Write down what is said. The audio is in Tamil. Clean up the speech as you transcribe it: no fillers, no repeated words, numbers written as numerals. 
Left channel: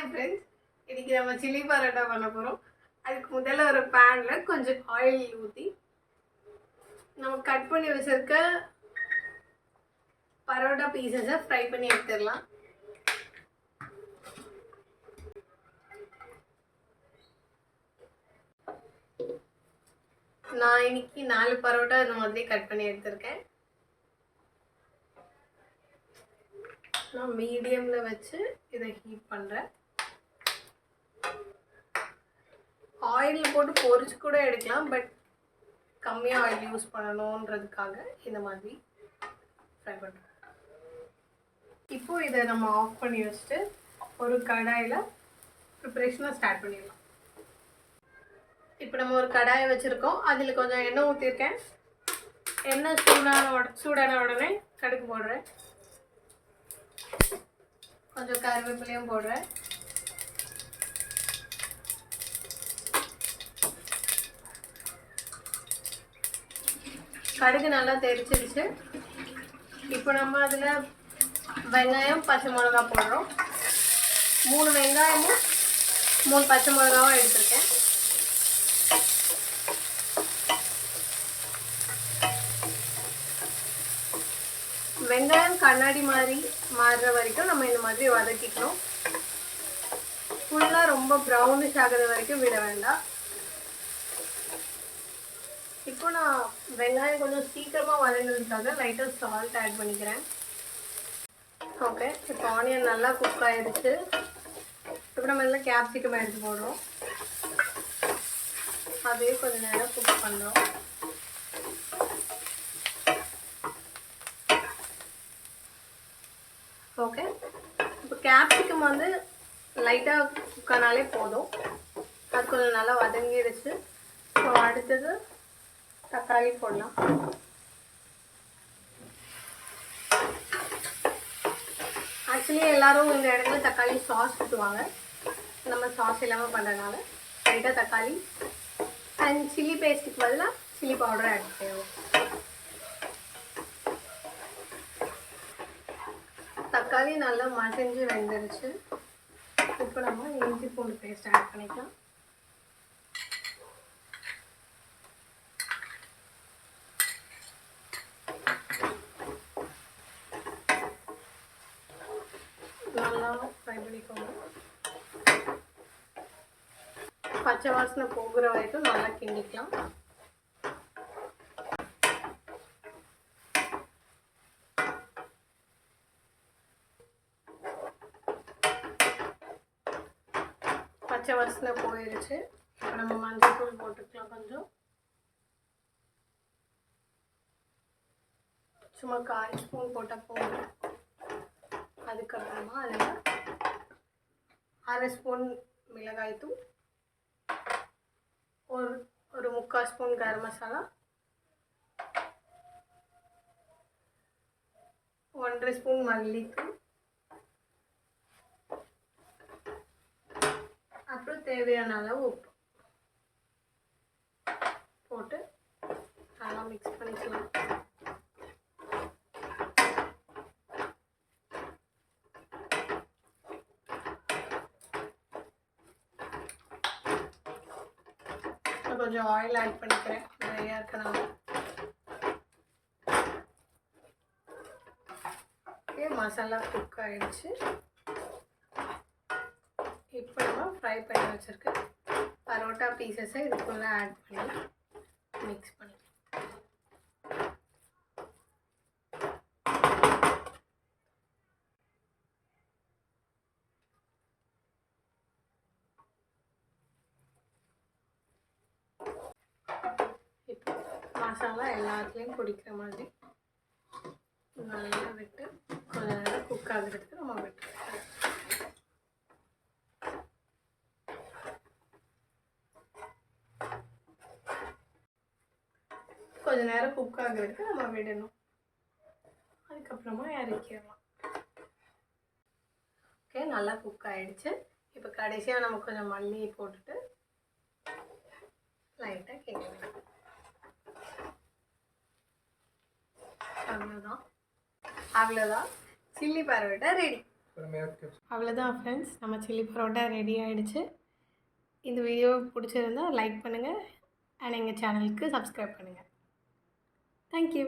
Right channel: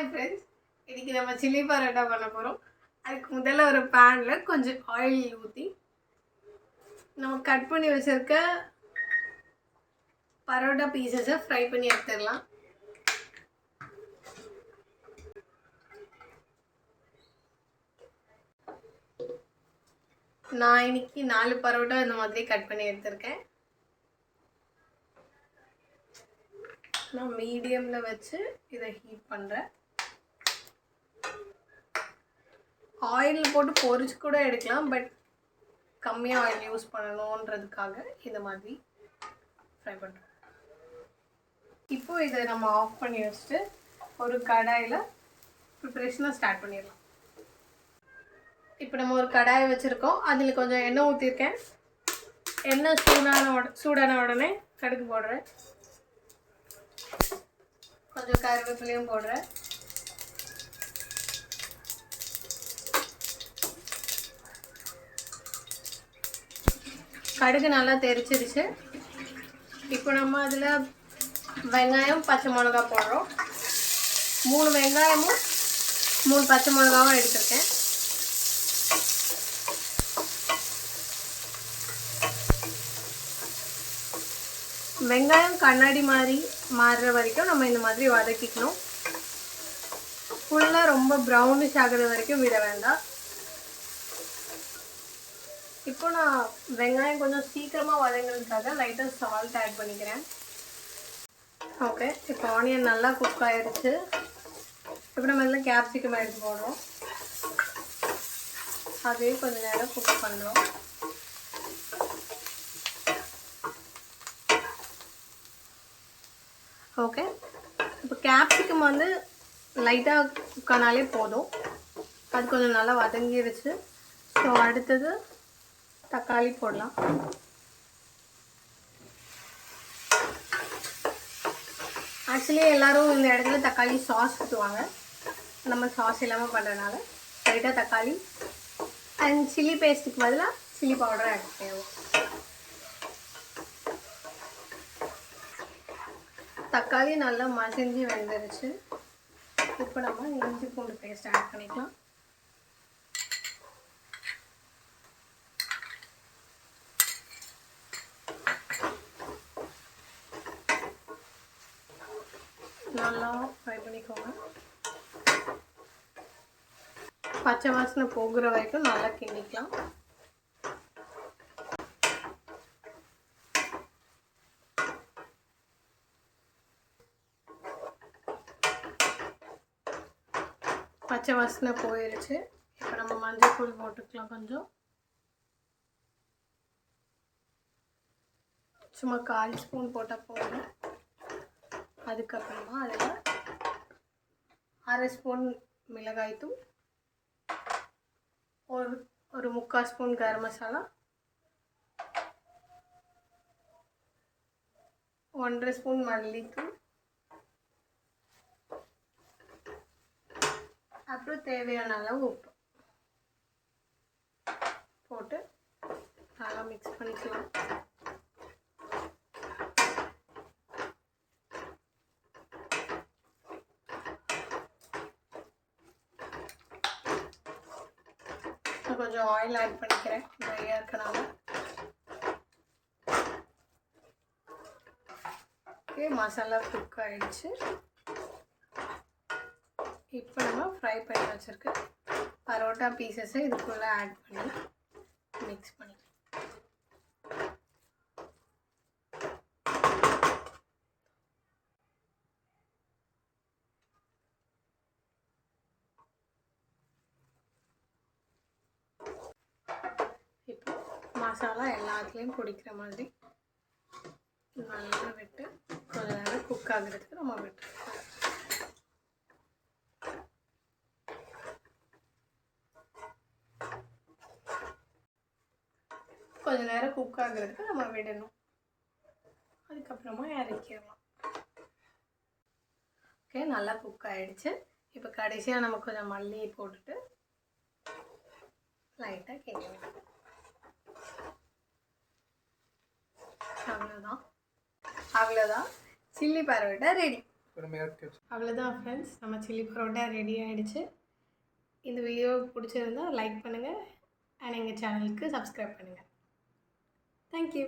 ஹாய் ஃப்ரெண்ட்ஸ், இன்றைக்கி நம்ம சில்லி பரோட்டா பண்ண போகிறோம். அதுக்கு முதல்ல ஒரு பேனில் கொஞ்சம் ஆயில் ஊற்றி நம்ம கட் பண்ணி வச்சுருக்க பரோட்டா பீசஸை ஃப்ரை பண்ணி எடுத்துடலாம். நான் இன்னைக்கு 4 பரோட்டா இந்த மாதிரி கட் பண்ணி எடுத்திருக்கேன். நான் மீடியமில் வச்சு இதை ஹீட் பண்ணுறேன். ஆயில் போட்டு பொரிச்சு கூட எடுக்கலாம், பட் கம்மியாக ஆயில் யூஸ் பண்ணணுன்றதுக்காக இந்த மாதிரி ஃப்ரை பண்ணுறேன். இப்போது இதை நம்ம ஆஃப் பண்ணி வச்சுட்டு ஒரு கடாயில் ப்ரிப்ரேஷனை ஸ்டார்ட் பண்ணிடலாம். இப்போ நம்ம ஒரு கடாயை வச்சுருக்கோம். அதில் கொஞ்சம் எண்ணெய் ஊற்றிருக்கேன். எண்ணெய் சூடான உடனே கடுகு போடுறேன். கொஞ்சம் கருவேப்பிலையும் போடுறேன். கடுகு நல்லா தெரிச்சிருச்சு. இப்போ நம்ம அதில் வெங்காயம், பச்சை மிளகா போடுறோம். 3 வெங்காயமும் 3 பச்சை மிளகாவும் எடுத்துருக்கேன். வெங்காயம் கண்ணாடி மாதிரி மாறுற வரைக்கும் நம்ம இந்த மாதிரி வதக்கிக்கணும். ஃபுல்லாக ரொம்ப ப்ரௌனிஷ் ஆகிற வரைக்கும் விட வேண்டாம். இப்போ நான் வெங்காயம் கொஞ்சம் சீக்கிரமாக வதங்கிறதுக்காக லைட்டாக சால்ட் ஆட் பண்ணிக்கிறேன். ஓகே, இப்போ ஆனியன் நல்லா குக் ஆகிடுச்சு. இப்போ நம்ம எல்லாம் கேப்சிகம் எடுத்து போடுறோம். அதே கொஞ்சம் நேரம் குக் பண்ணுறோம். ஓகே, இப்போ கேப்சிகம் வந்து லைட்டாக குக் ஆனாலே போதும். அது கொஞ்சம் நல்லா வதங்கிடுச்சு. ஸோ அடுத்தது தக்காளி போடலாம். ஆக்சுவலி எல்லோரும் இந்த இடத்துல தக்காளி சாஸ் ஊற்றுவாங்க. நம்ம சாஸ் இல்லாமல் பண்ணுறதுனால லைட்டாக தக்காளி அண்ட் சில்லி பேஸ்ட்டுக்கு பதிலாக சில்லி பவுடர் ஆட் பண்ணுவோம். தக்காளி நல்லா மசிஞ்சு வெந்துருச்சு. இப்போ நம்ம இஞ்சி பூண்டு பேஸ்ட் ஆட் பண்ணிக்கலாம். நல்லா ஃப்ரை பண்ணிக்கோங்க. பச்சை வாசனை போகிற வரைக்கும் நல்லா கிண்டிக்கலாம். பச்சை வாசனை போயிடுச்சு. இப்போ நம்ம மஞ்சள் தூள் போட்டுக்கலாம். கொஞ்சம் சும்மா 1/4 ஸ்பூன் போட்டால் போதும். அதுக்கப்புறமா அதில் 1/2 ஸ்பூன் மிளகாய்த்தூள், ஒரு 3/4 ஸ்பூன் கரம் மசாலா, 1/2 ஸ்பூன் மல்லித்தூள், அப்புறம் தேவையான அளவு உப்பு போட்டு நல்லா மிக்ஸ் பண்ணிக்கலாம். கொஞ்சம் ஆயில் ஆட் பண்ணிக்கிறேன், நிறையா இருக்கனால. ஓகே, மசாலா குக் ஆகிடுச்சு. இப்போ நம்ம ஃப்ரை பண்ணி வச்சுருக்க பரோட்டா பீசஸை இதுக்குள்ளே ஆட் பண்ணி மிக்ஸ் பண்ணி இப்போ மசாலா எல்லாத்துலேயும் பிடிக்கிற மாதிரி நல்லா விட்டு கொஞ்ச நேரம் குக் ஆகிறதுக்கு நம்ம விட்டு கொஞ்ச நேரம் குக் ஆகிறதுக்கு நம்ம விடணும். அதுக்கப்புறமா இறக்கிடலாம். ஓகே, நல்லா குக் ஆகிடுச்சு. இப்போ கடைசியாக நம்ம கொஞ்சம் மல்லி போட்டுட்டு லைட்டாக கேட்கலாம். அவ்வளோதான் சில்லி பரோட்டா ரெடி. அவ்வளோதான் ஃப்ரெண்ட்ஸ், நம்ம சில்லி பரோட்டா ரெடி ஆகிடுச்சு. இந்த வீடியோ பிடிச்சிருந்தா லைக் பண்ணுங்கள் அண்ட் எங்கள் சேனலுக்கு சப்ஸ்கிரைப் பண்ணுங்கள். தேங்க்யூ.